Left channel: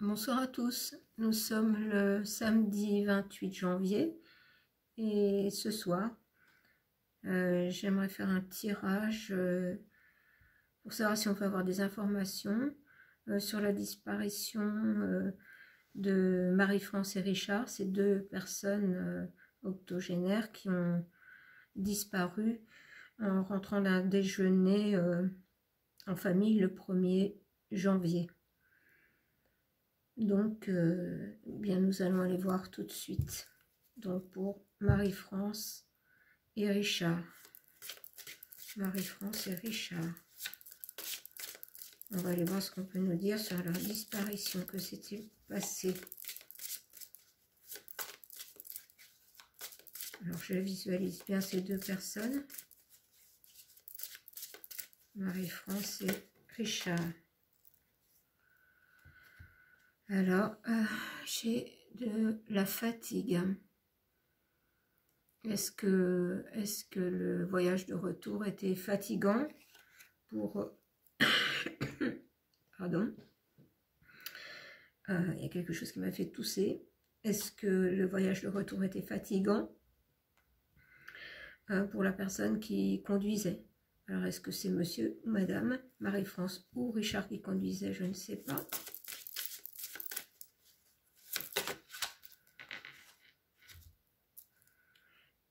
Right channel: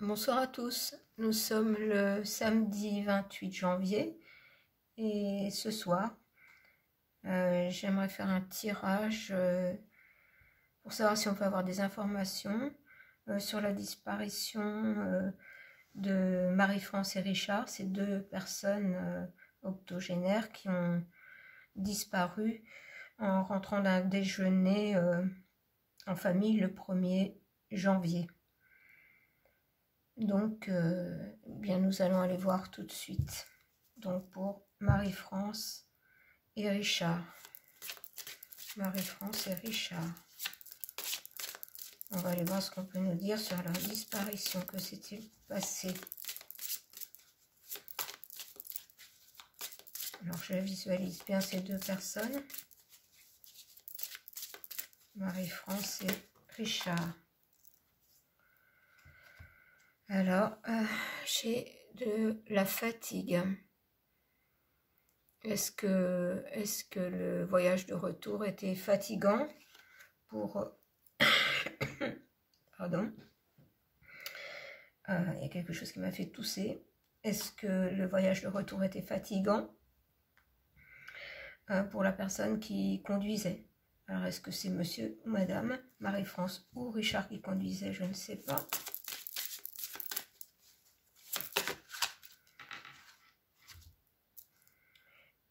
Bonsoir à tous, nous sommes le samedi 28 janvier et ce soir j'aimerais faire un tirage pour savoir si on peut avoir des informations sur la disparition de Marie-France et Richard, ces deux personnes octogénaires qui ont disparu en rentrant d'un déjeuner en famille le 1er janvier. Donc, bien, nous allons aller voir tout de suite. Donc, pour Marie-France et Richard. Marie-France et Richard. On va aller voir ce qu'on peut nous dire sur leur disparition. Que s'est-il passé? Alors, je visualise bien ces deux personnes. Marie-France et Richard. Alors, j'ai de la fatigue. Est-ce que le voyage de retour était fatigant pour... Pardon. Il y a quelque chose qui m'a fait tousser. Est-ce que le voyage de retour était fatigant pour la personne qui conduisait? Alors, est-ce que c'est monsieur ou madame, Marie-France ou Richard qui conduisait? Je ne sais pas.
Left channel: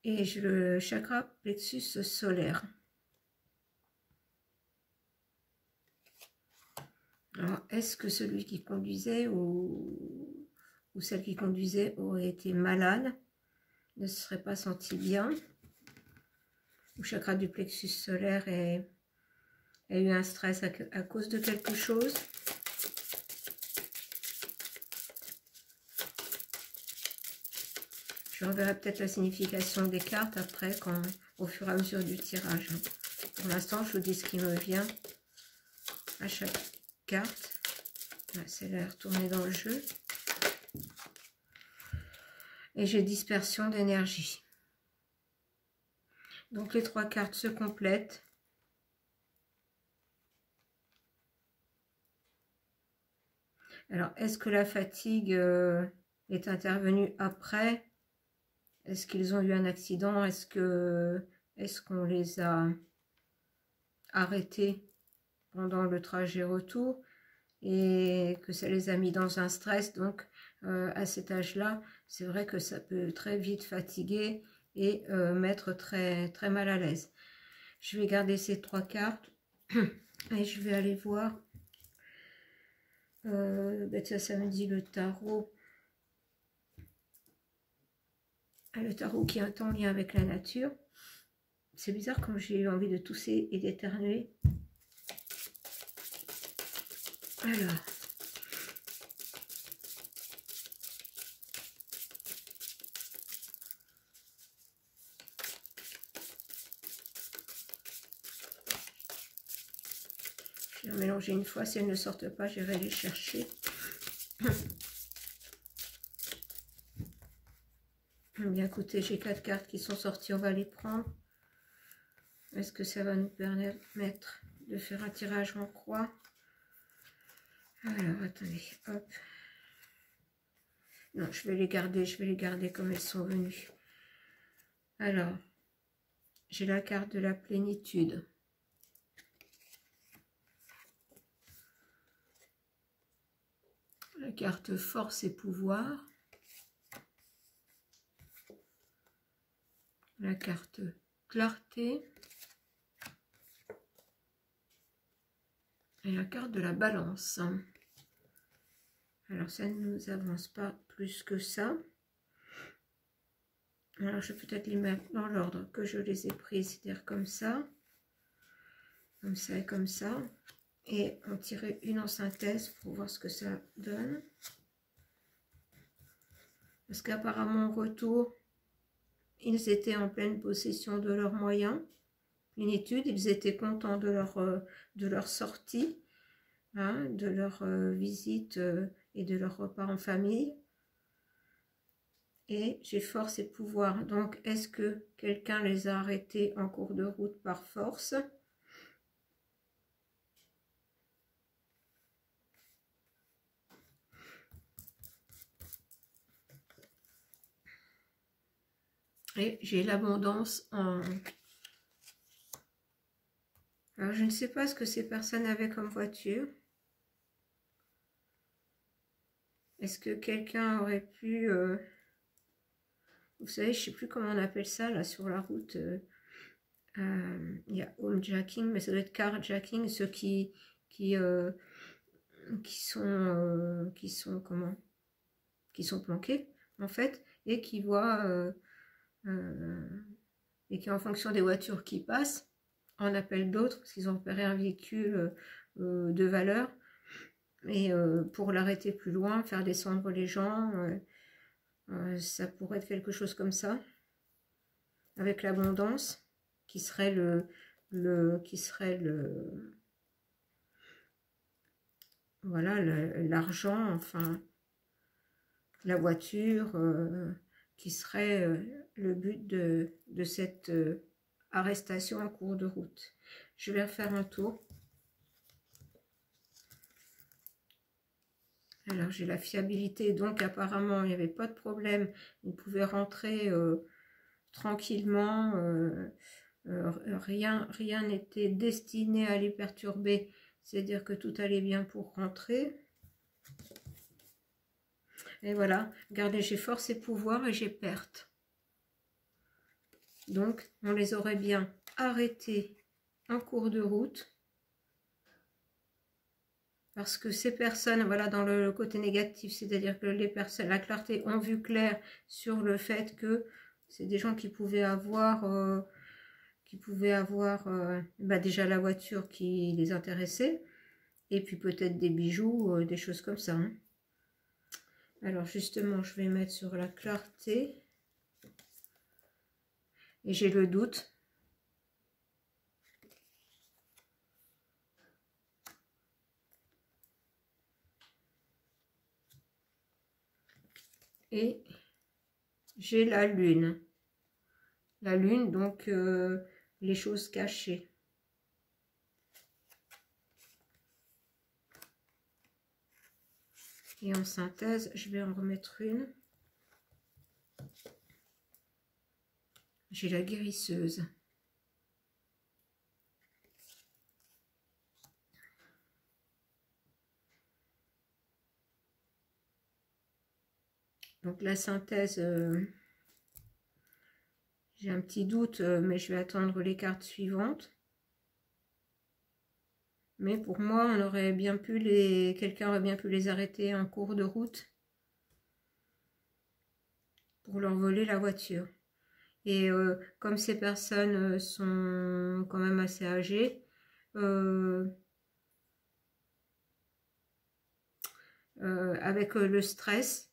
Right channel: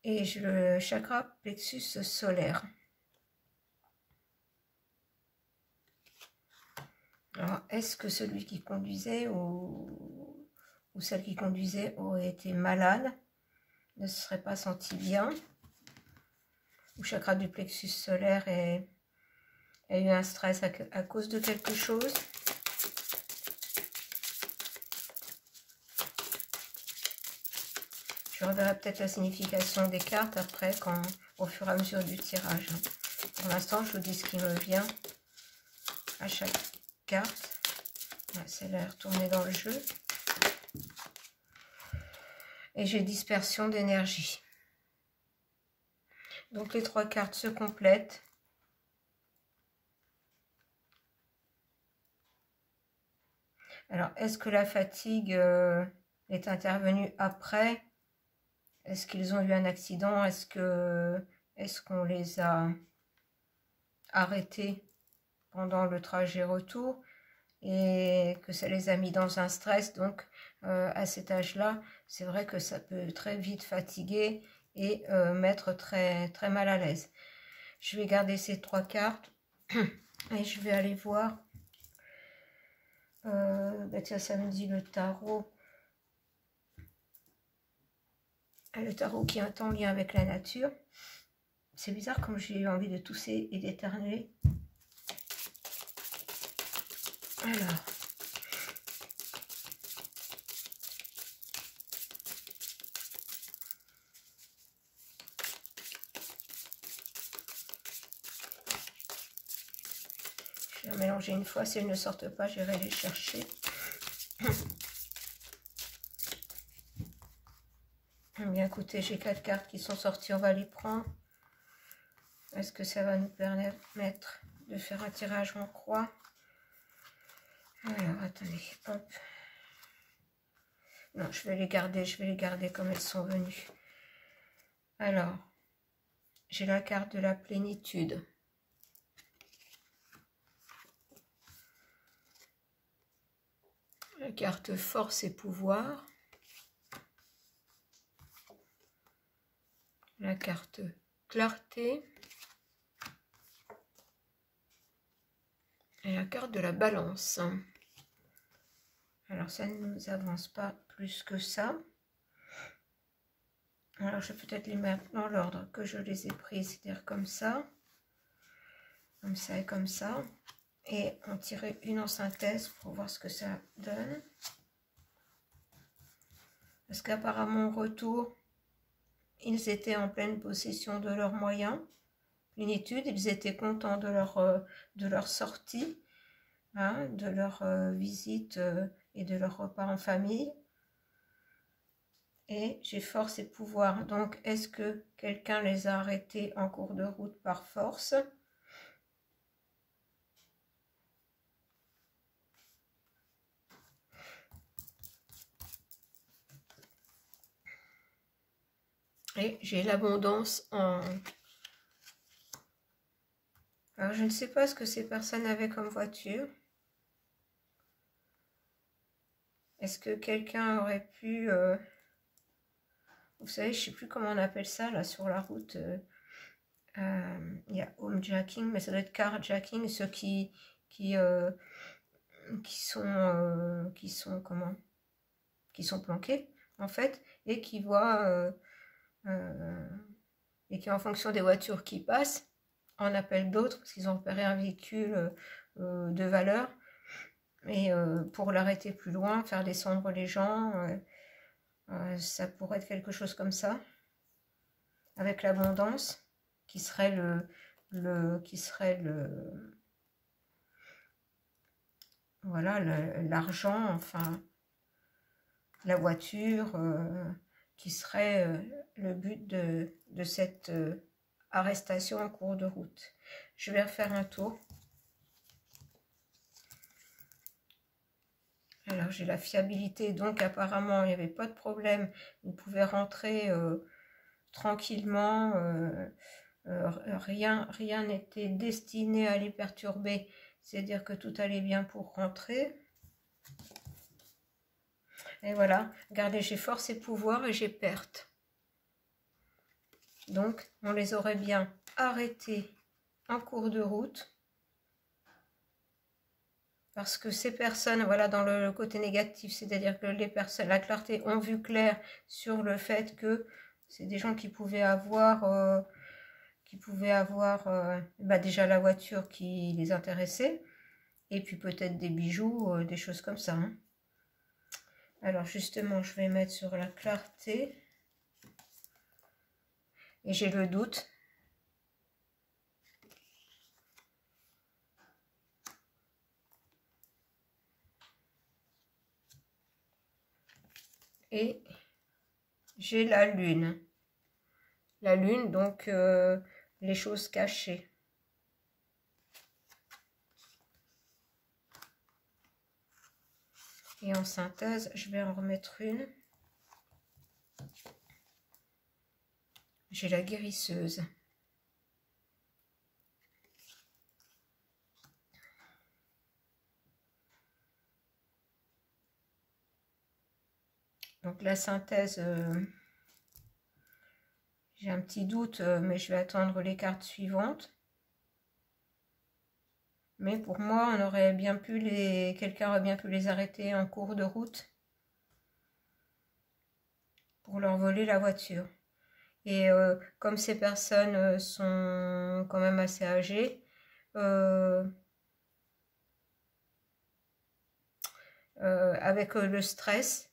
Et j'ai le chakra plexus solaire. Alors, est-ce que celui qui conduisait ou celle qui conduisait aurait été malade, ne se serait pas senti bien? Le chakra du plexus solaire a eu un stress à cause de quelque chose? Je reverrai peut-être la signification des cartes après, au fur et à mesure du tirage. Pour l'instant, je vous dis ce qui me vient à chaque carte. C'est l'air retourné dans le jeu. Et j'ai dispersion d'énergie. Donc les trois cartes se complètent. Alors, est-ce que la fatigue est intervenue après? Est-ce qu'ils ont eu un accident? Est-ce qu'on les a arrêtés pendant le trajet retour et que ça les a mis dans un stress? Donc, à cet âge-là, c'est vrai que ça peut très vite fatiguer et mettre très, très mal à l'aise. Je vais garder ces trois cartes et je vais aller voir. Tiens, ça me dit le tarot. Le tarot qui est en lien avec la nature. C'est bizarre comme j'ai eu envie de tousser et d'éternuer. Alors. Je vais mélanger une fois. Si elles ne sortent pas, j'irai les chercher. Bien, écoutez, j'ai 4 cartes qui sont sorties, on va les prendre. Est-ce que ça va nous permettre de faire un tirage en croix? Alors, attendez, hop. Non, je vais les garder comme elles sont venues. Alors, j'ai la carte de la plénitude. La carte force et pouvoir. La carte clarté. Et la carte de la balance. Alors, ça ne nous avance pas plus que ça. Alors, je vais peut-être les mettre dans l'ordre que je les ai prises, c'est-à-dire comme ça et comme ça. Et on tirait une en synthèse pour voir ce que ça donne. Parce qu'apparemment, au retour, ils étaient en pleine possession de leurs moyens. Plénitude, ils étaient contents de leur sortie, hein, de leur visite et de leur repas en famille. Et j'ai force et pouvoir. Donc, est-ce que quelqu'un les a arrêtés en cours de route par force? Et j'ai l'abondance en... Alors, je ne sais pas ce que ces personnes avaient comme voiture. Est-ce que quelqu'un aurait pu... vous savez, je ne sais plus comment on appelle ça, là, sur la route. Il y a homejacking, mais ça doit être carjacking, ceux qui sont comment, qui sont planqués, en fait, et qui voient... et qui, en fonction des voitures qui passent, en appellent d'autres, parce qu'ils ont repéré un véhicule de valeur, et pour l'arrêter plus loin, faire descendre les gens, ça pourrait être quelque chose comme ça, avec l'abondance, qui serait voilà, l'argent, enfin, la voiture, qui serait le but de cette arrestation en cours de route. Je vais refaire un tour. Alors, j'ai la fiabilité, donc apparemment, il n'y avait pas de problème. Il pouvait rentrer tranquillement. Rien n'était destiné à les perturber. C'est-à-dire que tout allait bien pour rentrer. Et voilà, regardez, j'ai force et pouvoir et j'ai perte. Donc, on les aurait bien arrêtés en cours de route. Parce que ces personnes, voilà, dans le côté négatif, c'est-à-dire que les personnes, la clarté, ont vu clair sur le fait que c'est des gens qui pouvaient avoir, bah déjà la voiture qui les intéressait, et puis peut-être des bijoux, des choses comme ça. Hein. Alors justement, je vais mettre sur la clarté, et j'ai le doute. Et j'ai la lune. La lune, donc les choses cachées. Et en synthèse, je vais en remettre une. J'ai la guérisseuse. Donc la synthèse, j'ai un petit doute, mais je vais attendre les cartes suivantes. Mais pour moi, on aurait bien pu quelqu'un aurait bien pu les arrêter en cours de route pour leur voler la voiture. Et comme ces personnes sont quand même assez âgées, avec le stress,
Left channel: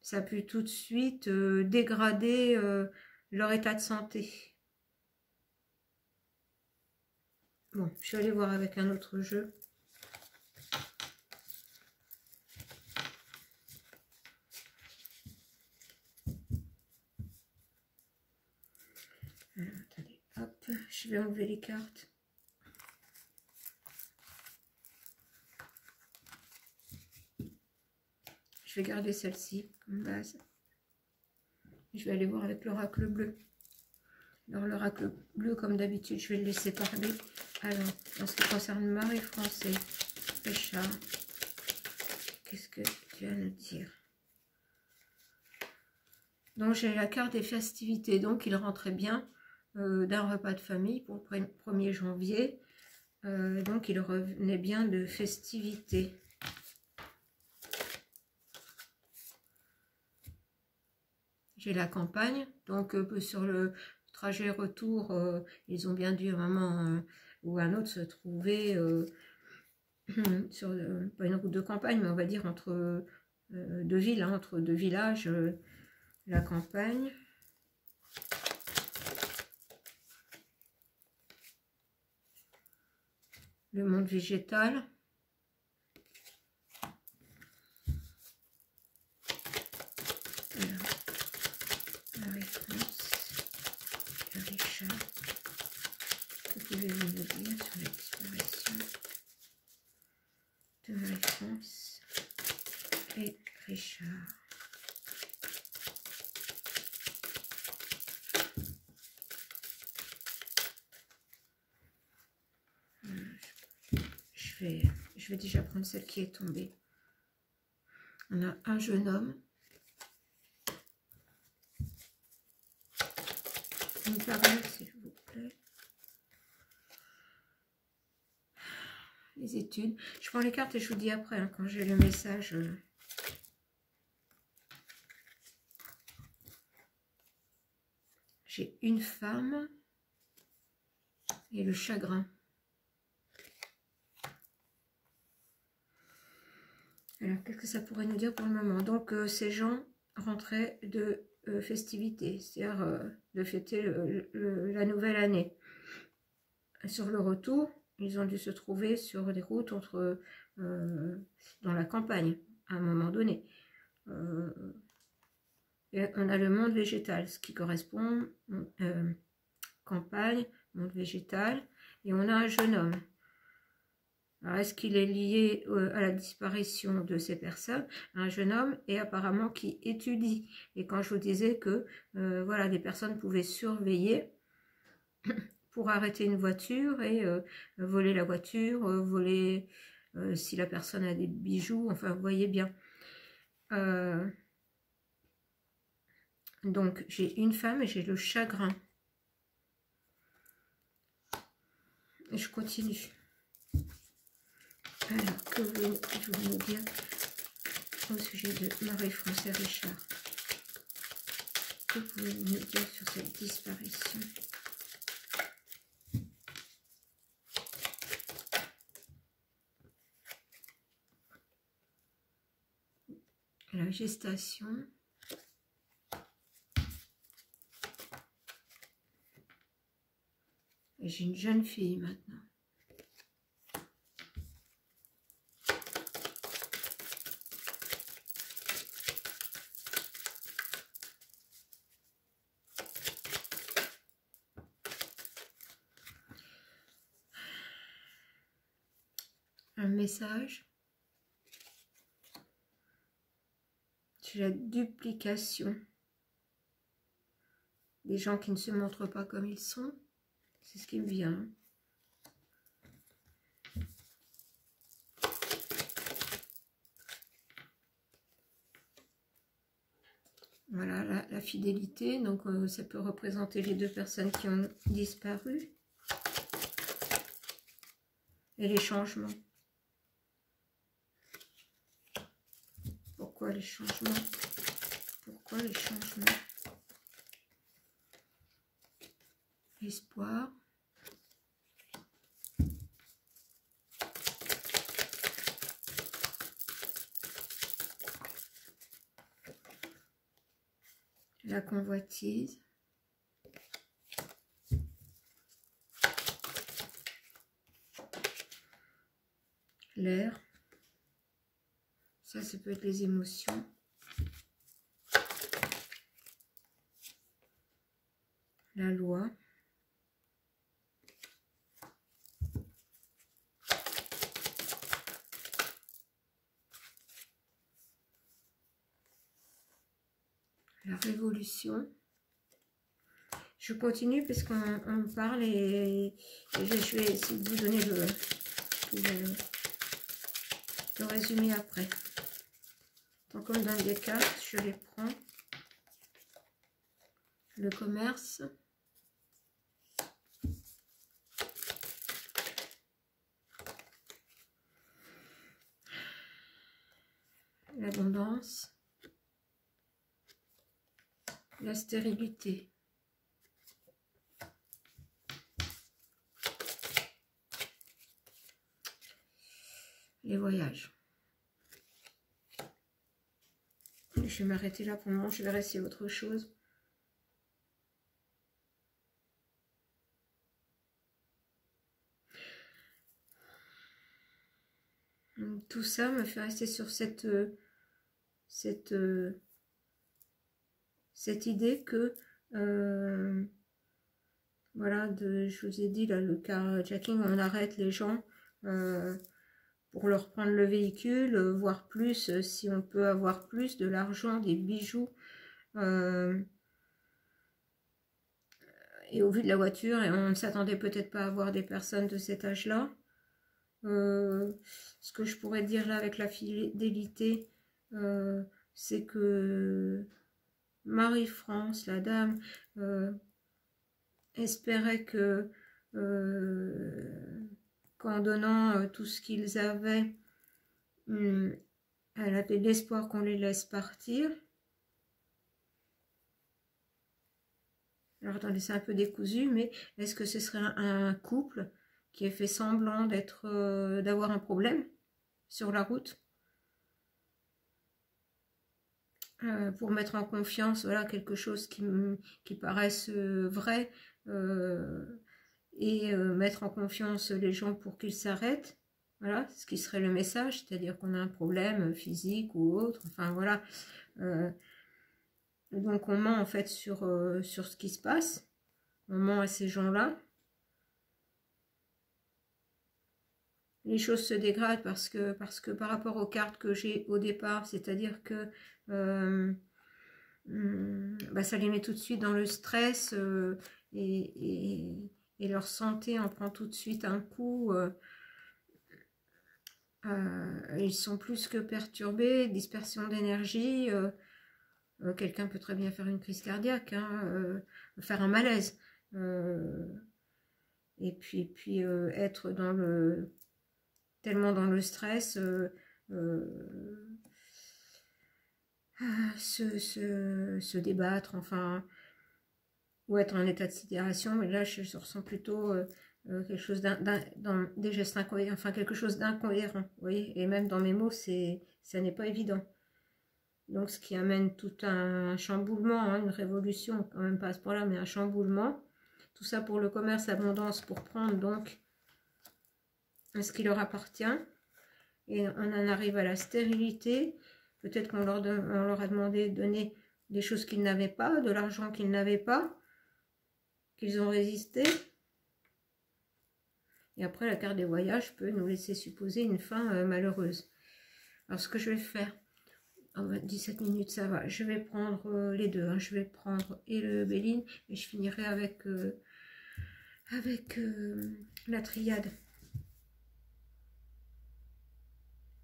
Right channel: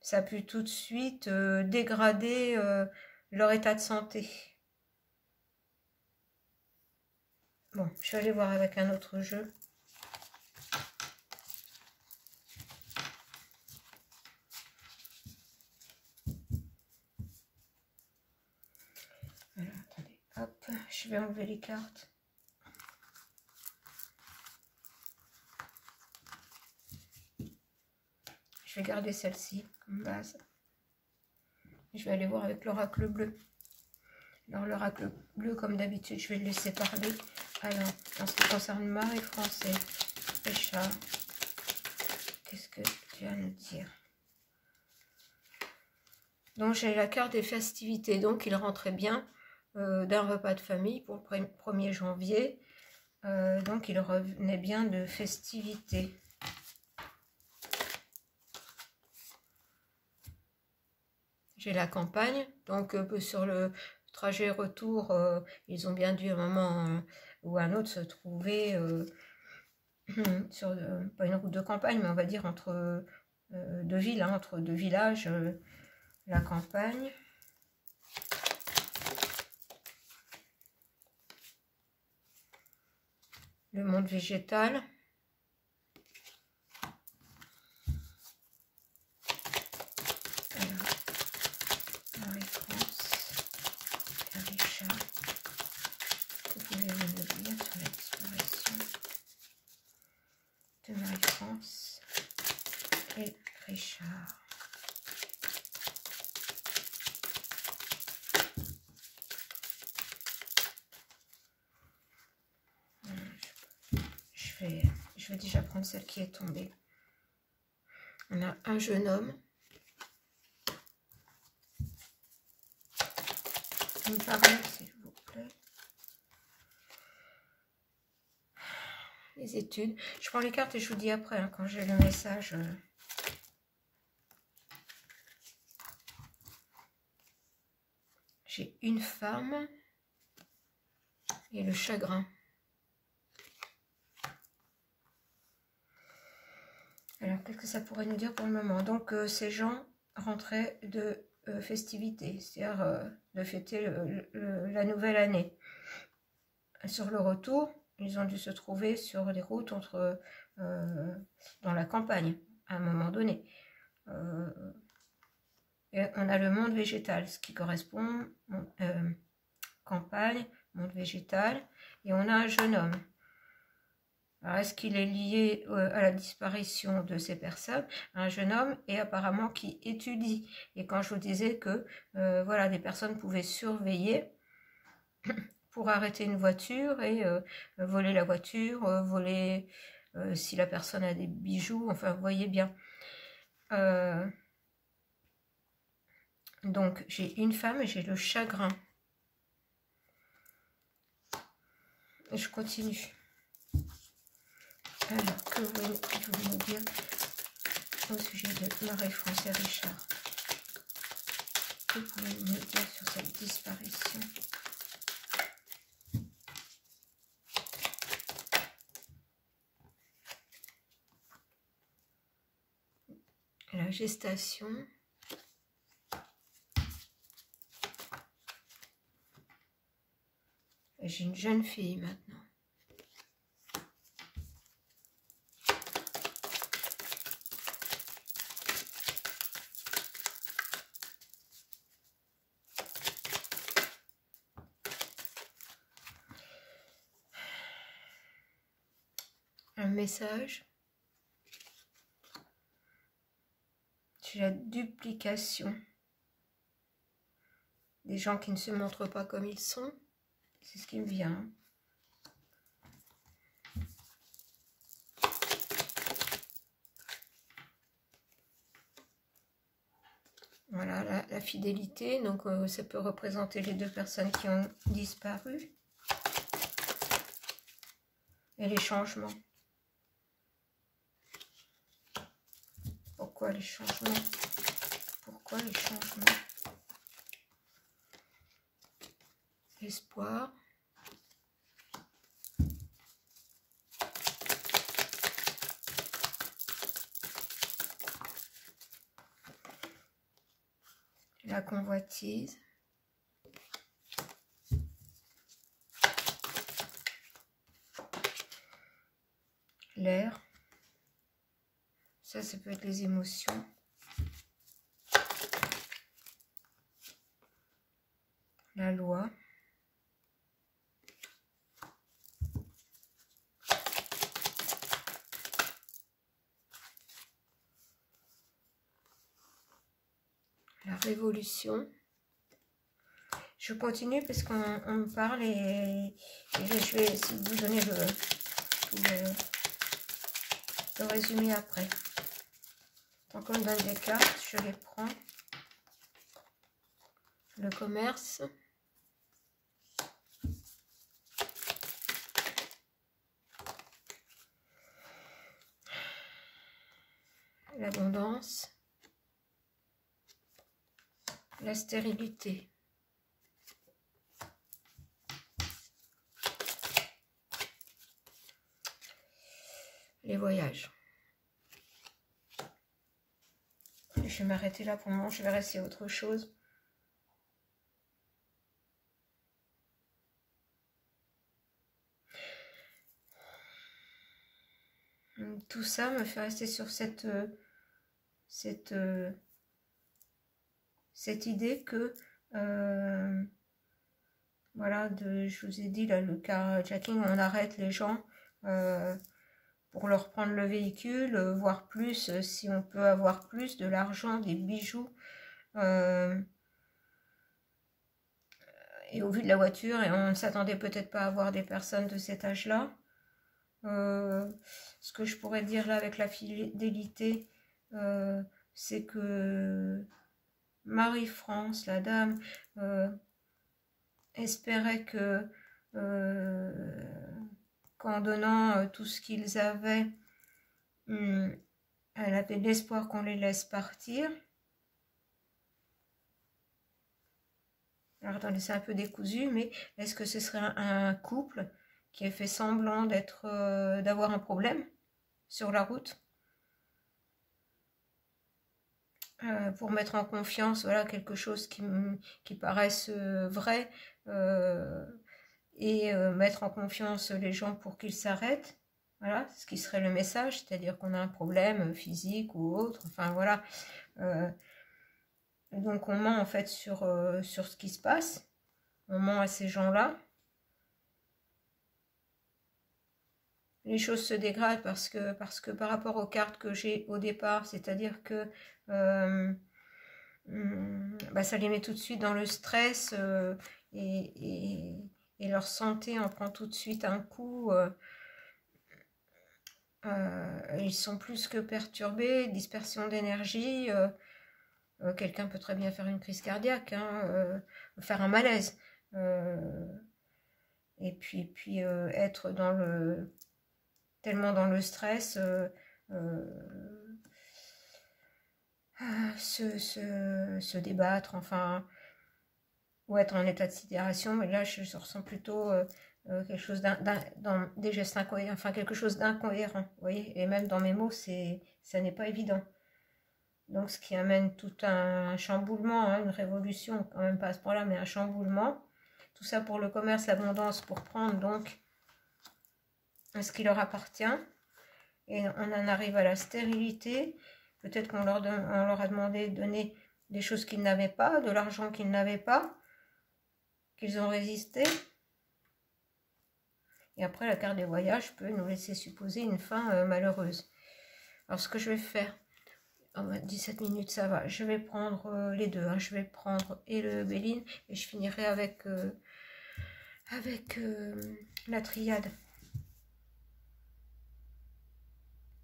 ça a pu tout de suite dégrader leur état de santé. Bon, je vais aller voir avec un autre jeu. Alors, attendez, hop, je vais enlever les cartes. Je vais garder celle-ci comme base. Je vais aller voir avec l'oracle bleu. Alors, l'oracle bleu, comme d'habitude, je vais le laisser parler. Alors, en ce qui concerne Marie-Français, Richard, qu'est-ce que tu vas nous dire? Donc, j'ai la carte des festivités. Donc, il rentrait bien d'un repas de famille pour le 1er janvier. Donc, il revenait bien de festivités. J'ai la campagne. Donc, sur le trajet retour, ils ont bien dû à un moment ou à un autre se trouver sur, pas une route de campagne, mais on va dire entre deux villes, hein, entre deux villages, la campagne. Le monde végétal. Marie-France et Richard. Que pouvez-vous nous dire sur la disparition de Marie-France et Richard? je vais déjà prendre celle qui est tombée. On a un jeune homme. Me parler, s'il vous plaît. Les études. Je prends les cartes et je vous dis après, hein, quand j'ai le message. J'ai une femme et le chagrin. Alors, qu'est-ce que ça pourrait nous dire pour le moment? Donc, ces gens rentraient de festivités, c'est-à-dire de fêter la nouvelle année. Sur le retour, ils ont dû se trouver sur les routes dans la campagne, à un moment donné. Et on a le monde végétal, ce qui correspond campagne, monde végétal, et on a un jeune homme. Alors, est-ce qu'il est lié à la disparition de ces personnes? Un jeune homme et apparemment qui étudie. Et quand je vous disais que voilà, des personnes pouvaient surveiller pour arrêter une voiture et voler la voiture, voler si la personne a des bijoux, enfin vous voyez bien. Donc j'ai une femme et j'ai le chagrin. Et je continue. Alors, que voulez-vous me dire au sujet de Marie-France et Richard? Que pouvez-vous me dire sur cette disparition? La gestation. J'ai une jeune fille maintenant. Un message. J'ai la duplication des gens qui ne se montrent pas comme ils sont. C'est ce qui me vient. Voilà, la fidélité. Donc, ça peut représenter les deux personnes qui ont disparu. Et les changements. Pourquoi les changements? Pourquoi les changements? Espoir. La convoitise. L'air. Ça peut être les émotions. La loi. La révolution. Je continue parce qu'on me parle et je vais essayer de vous donner le résumé après. Donc, comme dans des cartes, je les prends. Le commerce. L'abondance. La stérilité. Les voyages. Je vais m'arrêter là pour le moment, je vais rester autre chose. Tout ça me fait rester sur cette idée que voilà, je vous ai dit là, le carjacking, on arrête les gens pour leur prendre le véhicule, voir plus si on peut avoir plus de l'argent, des bijoux, et au vu de la voiture, et on ne s'attendait peut-être pas à voir des personnes de cet âge-là. ce que je pourrais dire là avec la fidélité, c'est que Marie-France, la dame, espérait que qu'en donnant tout ce qu'ils avaient, elle avait l'espoir qu'on les laisse partir. Alors attendez, c'est un peu décousu, mais est-ce que ce serait un couple qui a fait semblant d'avoir un problème sur la route pour mettre en confiance, voilà, quelque chose qui paraisse vrai, et mettre en confiance les gens pour qu'ils s'arrêtent, voilà, ce qui serait le message, c'est-à-dire qu'on a un problème physique ou autre, enfin voilà, donc on ment en fait sur ce qui se passe, on ment à ces gens-là. Les choses se dégradent parce que par rapport aux cartes que j'ai au départ, c'est-à-dire que ça les met tout de suite dans le stress, et leur santé en prend tout de suite un coup. Ils sont plus que perturbés, dispersion d'énergie. Quelqu'un peut très bien faire une crise cardiaque, hein, faire un malaise. Et puis être tellement dans le stress, se débattre, enfin, ou être en état de sidération. Mais là, je ressens plutôt quelque chose dans des gestes incohérents, enfin quelque chose d'incohérent, vous voyez. Et même dans mes mots, ça n'est pas évident. Donc, ce qui amène tout un chamboulement, hein, une révolution, quand même pas à ce point-là, mais un chamboulement. Tout ça pour le commerce, l'abondance, pour prendre donc ce qui leur appartient. Et on en arrive à la stérilité. Peut-être qu'on leur a demandé de donner des choses qu'ils n'avaient pas, de l'argent qu'ils n'avaient pas, qu'ils ont résisté. Et après, la carte des voyages peut nous laisser supposer une fin malheureuse. Alors, ce que je vais faire, 17 minutes, ça va. Je vais prendre les deux. Hein. Je vais prendre et le Béline et je finirai avec la triade.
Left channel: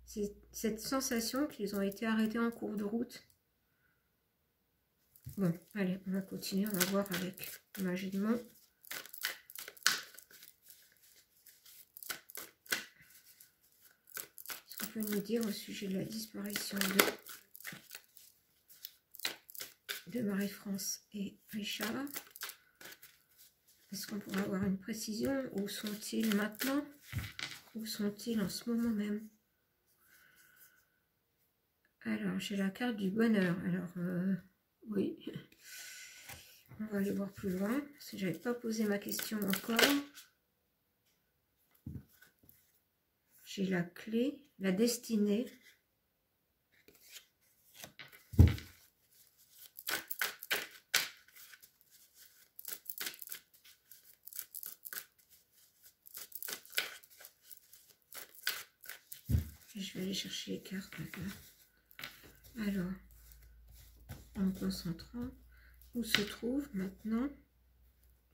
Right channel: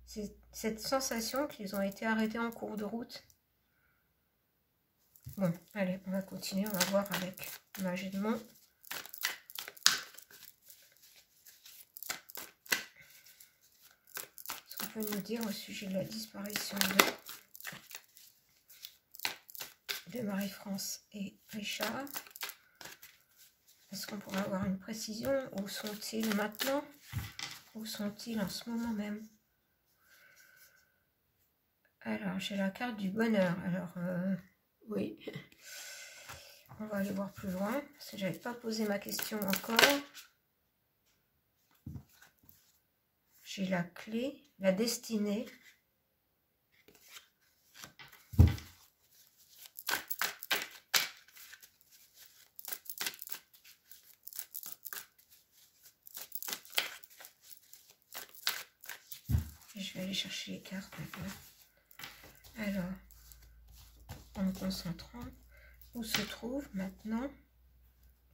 C'est cette sensation qu'ils ont été arrêtés en cours de route. Bon, allez, on va continuer. On va voir avec magie de Mont. Ce qu'on peut nous dire au sujet de la disparition de Marie-France et Richard. Est-ce qu'on pourra avoir une précision? Où sont-ils maintenant? Où sont-ils en ce moment même? Alors, j'ai la carte du bonheur. Alors, oui. On va aller voir plus loin. Parce que je n'avais pas posé ma question encore. J'ai la clé, la destinée. Et je vais aller chercher les cartes maintenant. Alors, en me concentrant, où se trouve maintenant,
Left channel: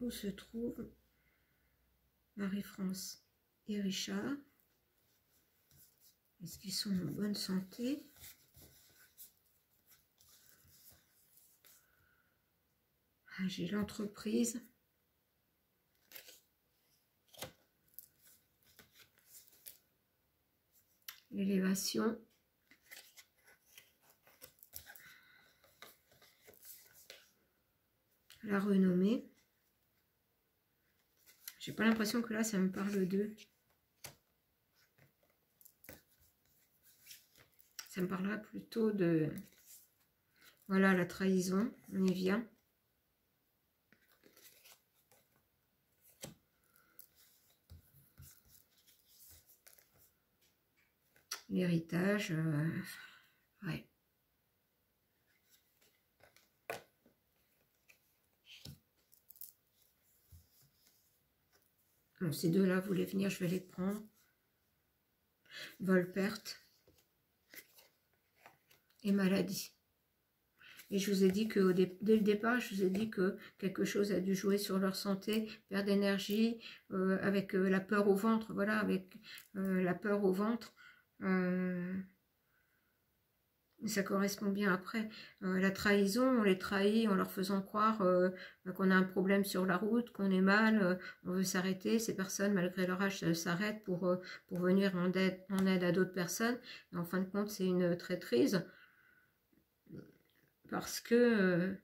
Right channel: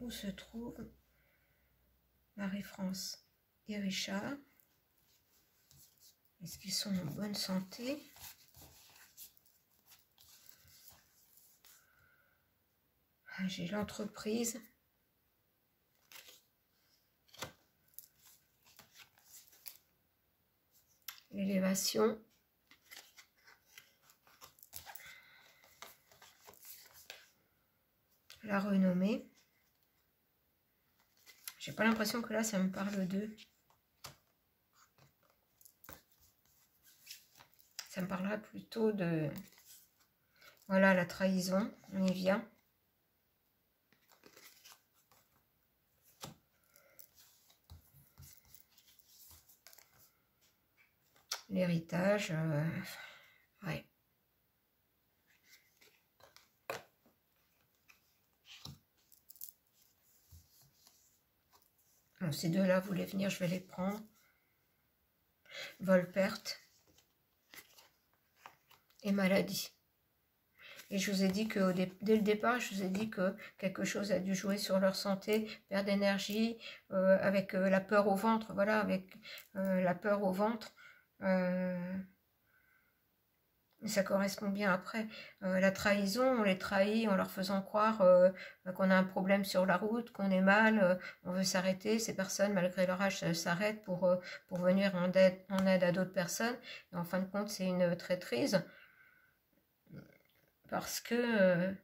où se trouve Marie-France et Richard? Est-ce qu'ils sont en bonne santé? J'ai l'entreprise. L'élévation. La renommée. J'ai pas l'impression que là, ça me parle d'eux. Ça me parlera plutôt de... Voilà, la trahison. On y vient. L'héritage. Ouais. Bon, ces deux-là voulaient venir, je vais les prendre. Vol-perte. Et maladie. Et je vous ai dit que dès le départ, je vous ai dit que quelque chose a dû jouer sur leur santé, perte d'énergie, avec la peur au ventre, voilà, avec la peur au ventre. Ça correspond bien après. La trahison, on les trahit en leur faisant croire qu'on a un problème sur la route, qu'on est mal, on veut s'arrêter. Ces personnes, malgré leur âge, s'arrêtent pour venir en aide à d'autres personnes. Et en fin de compte, c'est une traîtrise. Parce que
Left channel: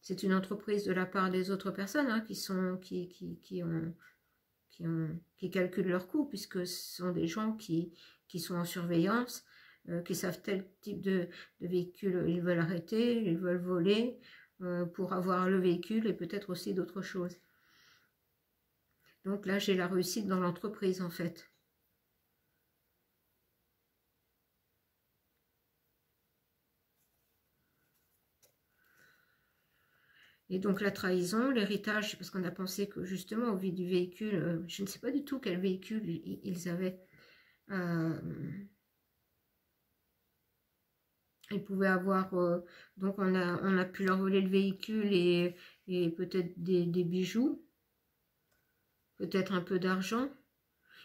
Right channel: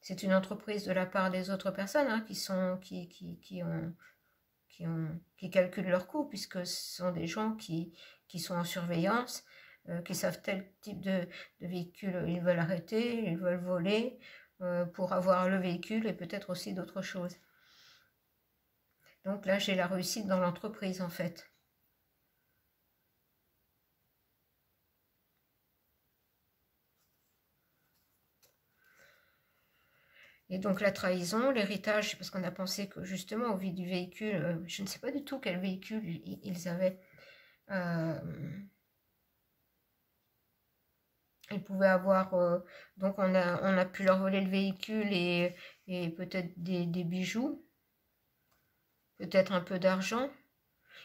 c'est une entreprise de la part des autres personnes hein, qui calculent leurs coûts, puisque ce sont des gens qui sont en surveillance, qui savent tel type de véhicule ils veulent arrêter, ils veulent voler pour avoir le véhicule et peut-être aussi d'autres choses. Donc là, j'ai la réussite dans l'entreprise en fait. Et donc la trahison, l'héritage, parce qu'on a pensé que justement au vu du véhicule, je ne sais pas du tout quel véhicule ils avaient. Ils pouvaient avoir, donc on a pu leur voler le véhicule et peut-être des bijoux, peut-être un peu d'argent.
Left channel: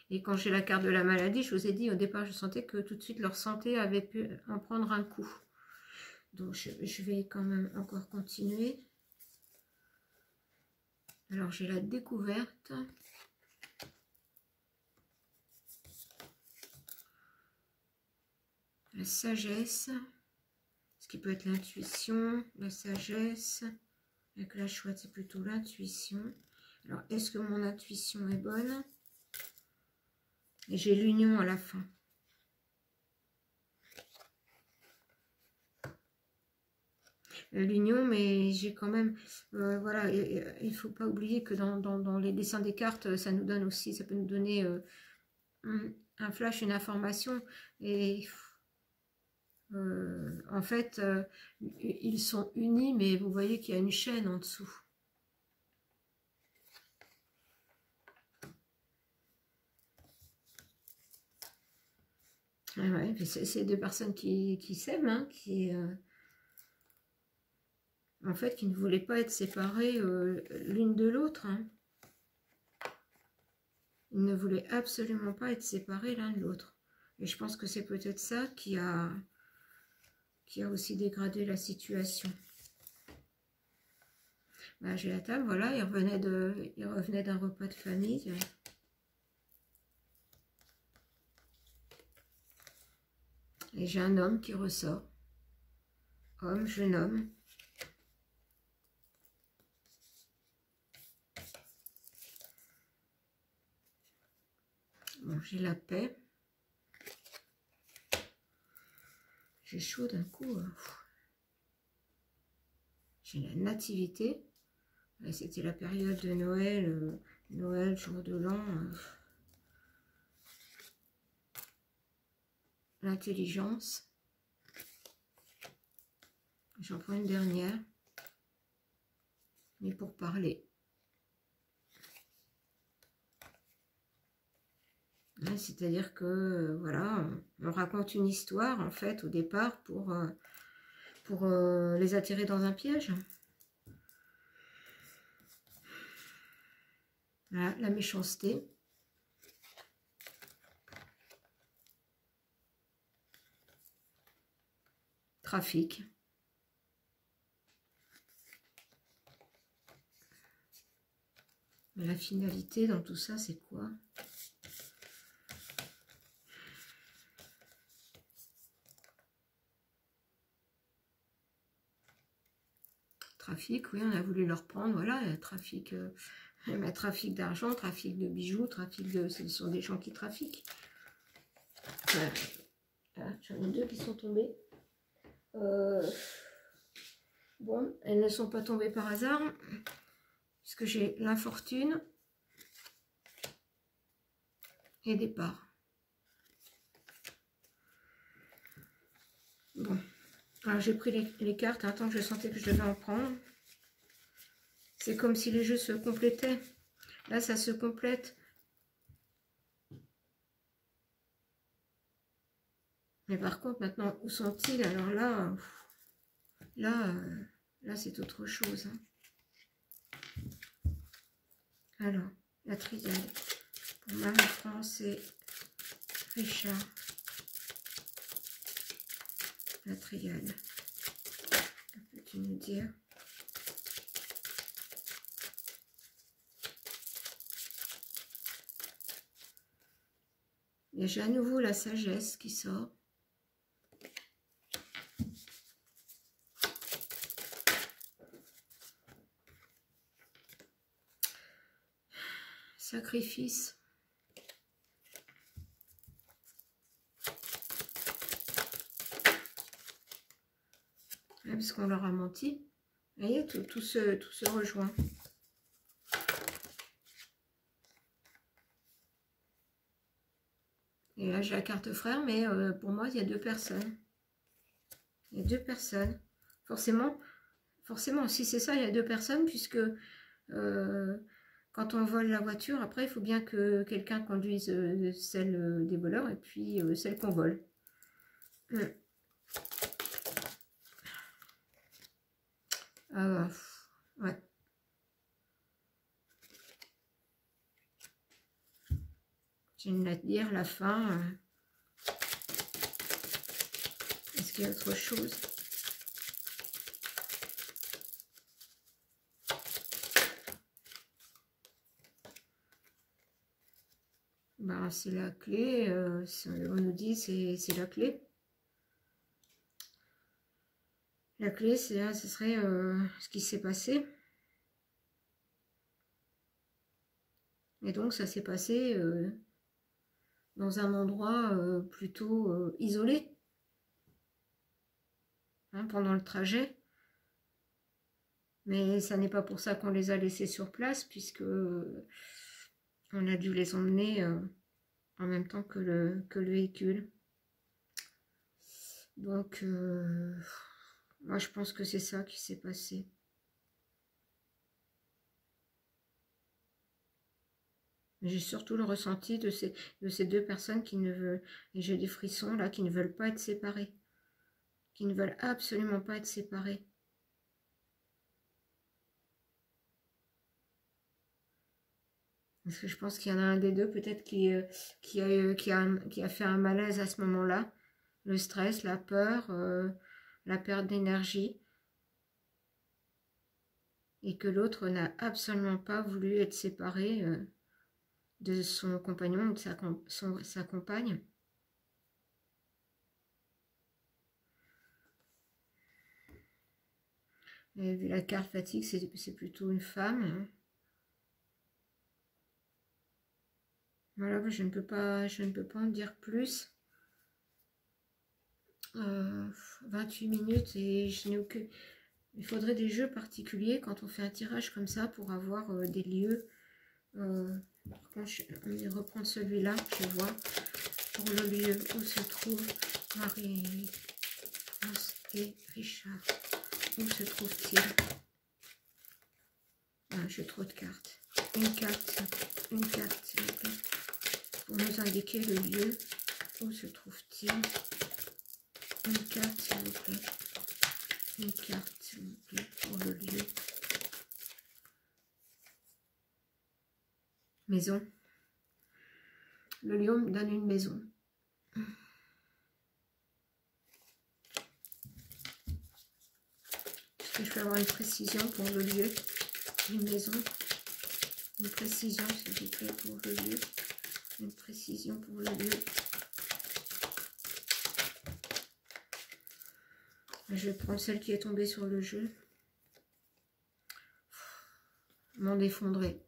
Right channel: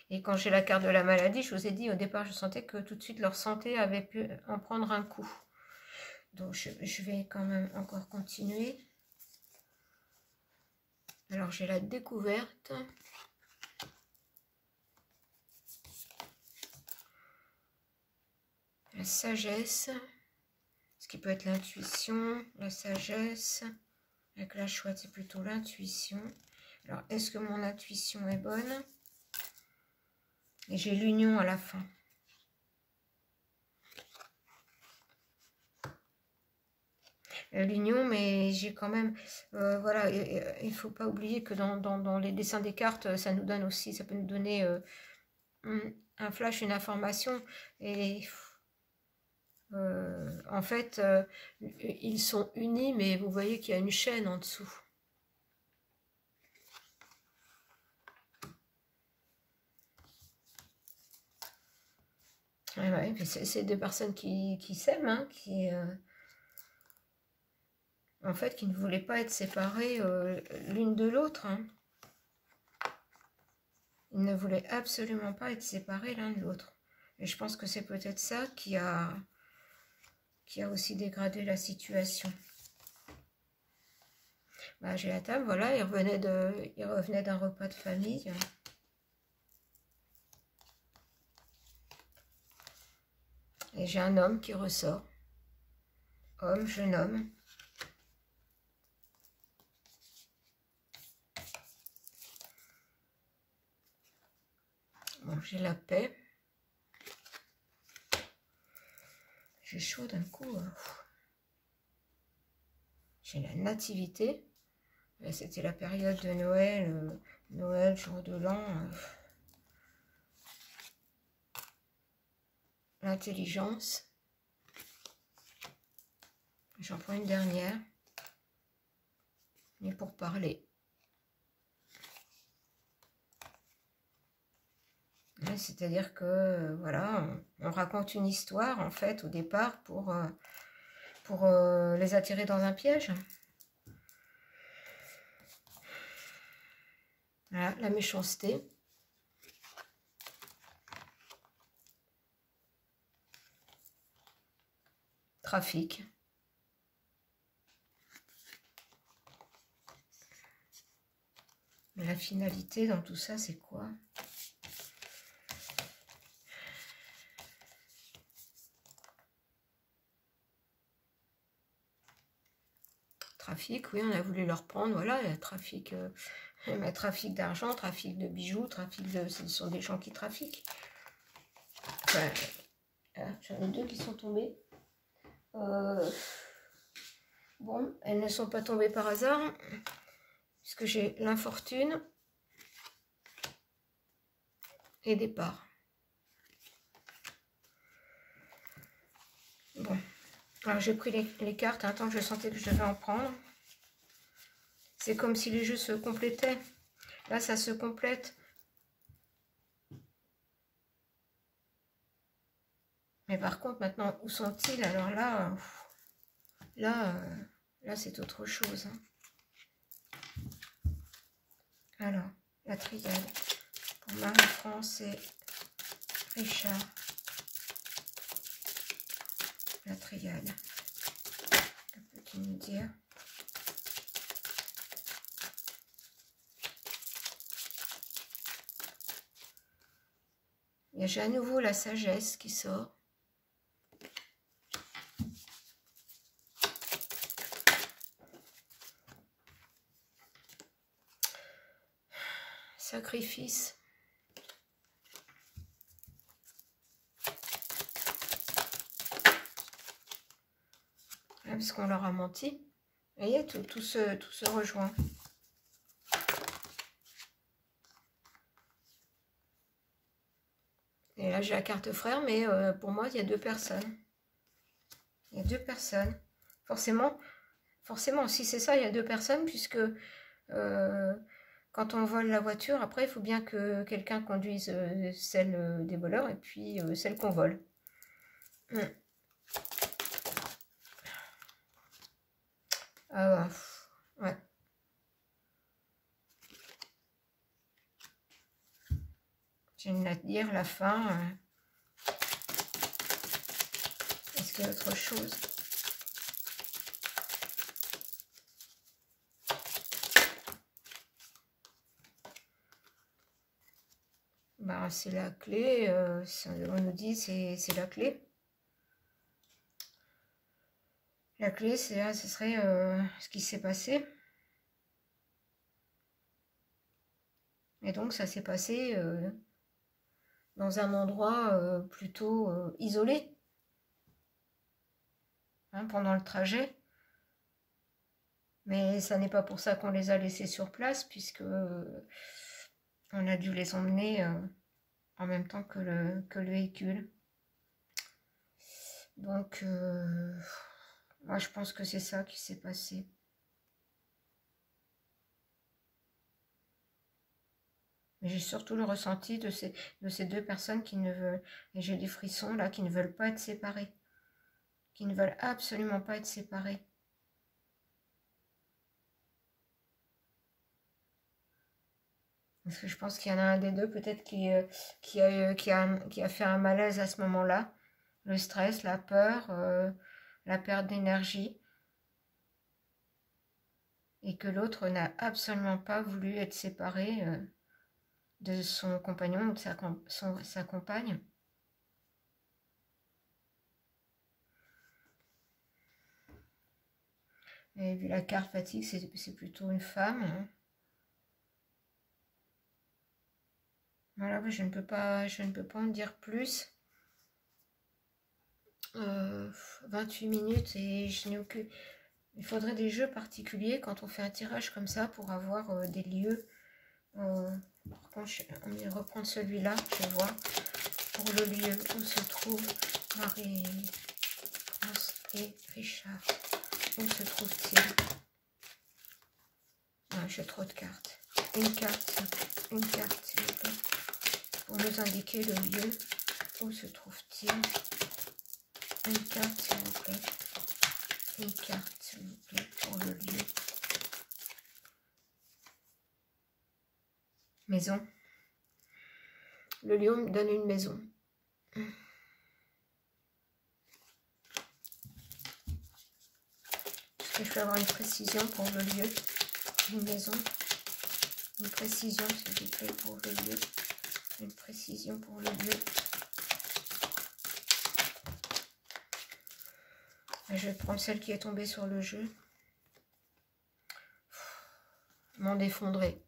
Et quand j'ai la carte de la maladie, je vous ai dit au départ, je sentais que tout de suite leur santé avait pu en prendre un coup. Donc je vais quand même encore continuer. Alors j'ai la découverte. La sagesse. Ce qui peut être l'intuition, la sagesse. Avec la chouette, c'est plutôt l'intuition. Alors, est-ce que mon intuition est bonne? Et j'ai l'union à la fin. L'union, mais j'ai quand même... voilà, il ne faut pas oublier que dans les dessins des cartes, ça nous donne aussi, ça peut nous donner un flash, une information. Et en fait, ils sont unis, mais vous voyez qu'il y a une chaîne en dessous. Ouais, c'est deux personnes qui s'aiment, hein, en fait, qui ne voulaient pas être séparées l'une de l'autre. Hein. Ils ne voulaient absolument pas être séparés l'un de l'autre. Et je pense que c'est peut-être ça qui a aussi dégradé la situation. Bah, j'ai la table, voilà, il revenait d'un repas de famille. Et j'ai un homme qui ressort. Homme, jeune homme. Bon, j'ai la paix. J'ai chaud d'un coup. J'ai la nativité. C'était la période de Noël. Noël, jour de l'an. L'intelligence. J'en prends une dernière. Mais pour parler. C'est-à-dire que, voilà, on raconte une histoire, en fait, au départ, pour les attirer dans un piège. Voilà, la méchanceté. Trafic. Mais la finalité dans tout ça, c'est quoi? Trafic, oui, on a voulu leur prendre, voilà, trafic, trafic d'argent, trafic de bijoux, ce sont des gens qui trafiquent. Enfin, j'en ai deux qui sont tombées. Bon, elles ne sont pas tombées par hasard, puisque j'ai l'infortune et départ. Bon, alors j'ai pris les cartes, un temps que je sentais que je devais en prendre. C'est comme si les jeux se complétaient. Là, ça se complète. Mais par contre, maintenant, où sont-ils? Alors là, c'est autre chose. Hein. Alors, la triade. Pour Marie-France et Richard. la triade. Que peux-tu nous dire? Il y a déjà à nouveau la sagesse qui sort. Sacrifice. Parce qu'on leur a menti. Vous voyez, tout se rejoint. Et là, j'ai la carte frère, mais pour moi, il y a deux personnes. Il y a deux personnes. Forcément, si c'est ça, il y a deux personnes, puisque quand on vole la voiture, après, il faut bien que quelqu'un conduise celle des voleurs et puis celle qu'on vole. Ah ouais. J'ai une à dire, la fin. Est-ce qu'il y a autre chose? Bah, c'est la clé. On nous dit c'est la clé. La clé, ce serait ce qui s'est passé. Et donc, ça s'est passé dans un endroit plutôt isolé. Hein, pendant le trajet. Mais ça n'est pas pour ça qu'on les a laissés sur place, puisque on a dû les emmener en même temps que le véhicule. Donc, moi, je pense que c'est ça qui s'est passé. Mais j'ai surtout le ressenti de ces deux personnes qui ne veulent, et j'ai des frissons là, qui ne veulent pas être séparées. Qui ne veulent absolument pas être séparées. Parce que je pense qu'il y en a un des deux peut-être qui a fait un malaise à ce moment-là. Le stress, la peur, la perte d'énergie. Et que l'autre n'a absolument pas voulu être séparé de son compagnon ou de sa compagne. Et vu la carte fatigue, c'est plutôt une femme. Hein. Voilà, je ne peux pas en dire plus. 28 minutes et je n'ai aucune... Il faudrait des jeux particuliers quand on fait un tirage comme ça pour avoir des lieux. Par contre, on va reprendre celui-là, je vais voir. Pour le lieu où se trouve Marie-France et Richard. Où se trouve-t-il? Ah, j'ai trop de cartes. Une carte, s'il vous plaît. Pour nous indiquer le lieu. Où se trouve-t-il? Une carte, s'il vous plaît. Une carte, s'il vous plaît, pour le lieu. Maison. Le lieu me donne une maison. Est-ce que je peux avoir une précision pour le lieu? Une maison. Une précision, s'il vous plaît, pour le lieu. Une précision pour le lieu. Je vais prendre celle qui est tombée sur le jeu. M'en effondrer.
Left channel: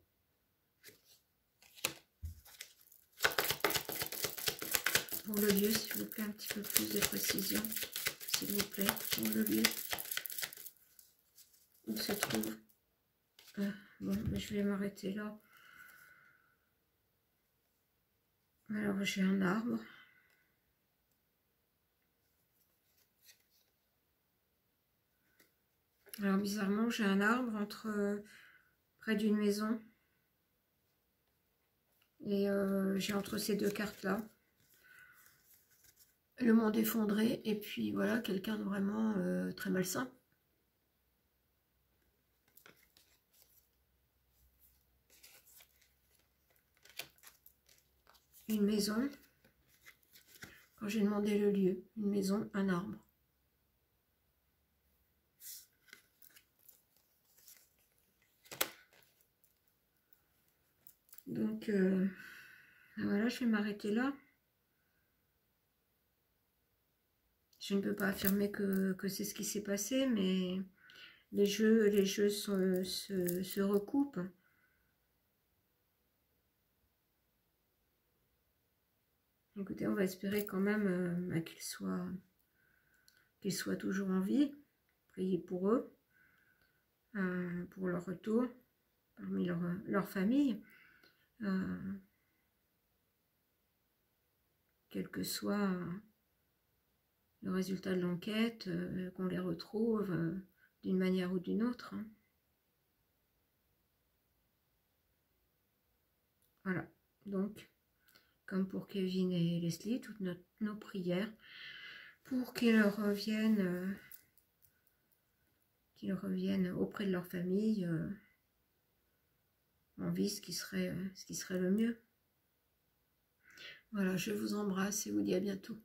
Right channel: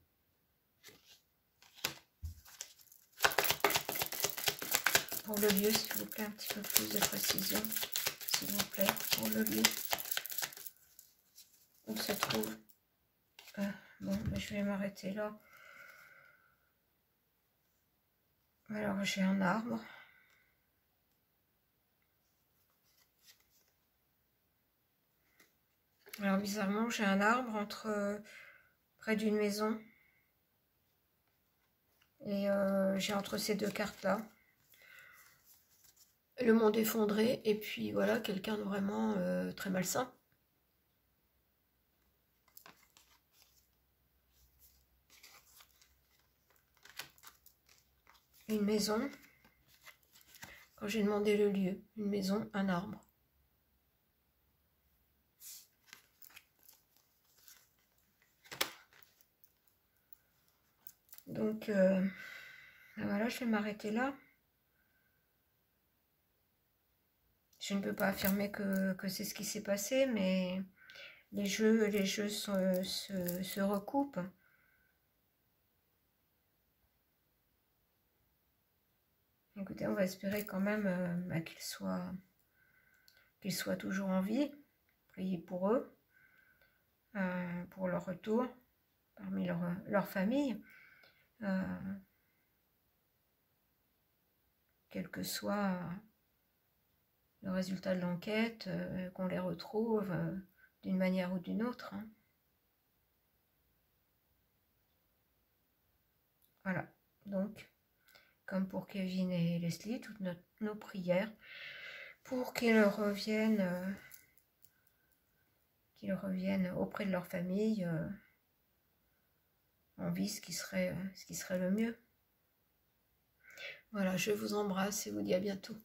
Pour le lieu, s'il vous plaît, un petit peu plus de précision. S'il vous plaît, pour le lieu. Où se trouve? Bon, je vais m'arrêter là. Alors, j'ai un arbre. Alors, bizarrement, j'ai un arbre près d'une maison. Et j'ai entre ces deux cartes-là. Le monde effondré. Et puis, voilà, quelqu'un de vraiment très malsain. Une maison. Quand j'ai demandé le lieu. Une maison, un arbre. Donc, voilà, je vais m'arrêter là. Je ne peux pas affirmer que c'est ce qui s'est passé, mais les jeux se recoupent. Écoutez, on va espérer quand même bah, qu'ils soient toujours en vie. Priez pour eux, pour leur retour parmi leur famille. Quel que soit le résultat de l'enquête, qu'on les retrouve d'une manière ou d'une autre. Hein. Voilà, donc, comme pour Kevin et Leslie, toutes nos prières pour qu'ils reviennent auprès de leur famille en vie, ce qui serait le mieux. Voilà, je vous embrasse et vous dis à bientôt.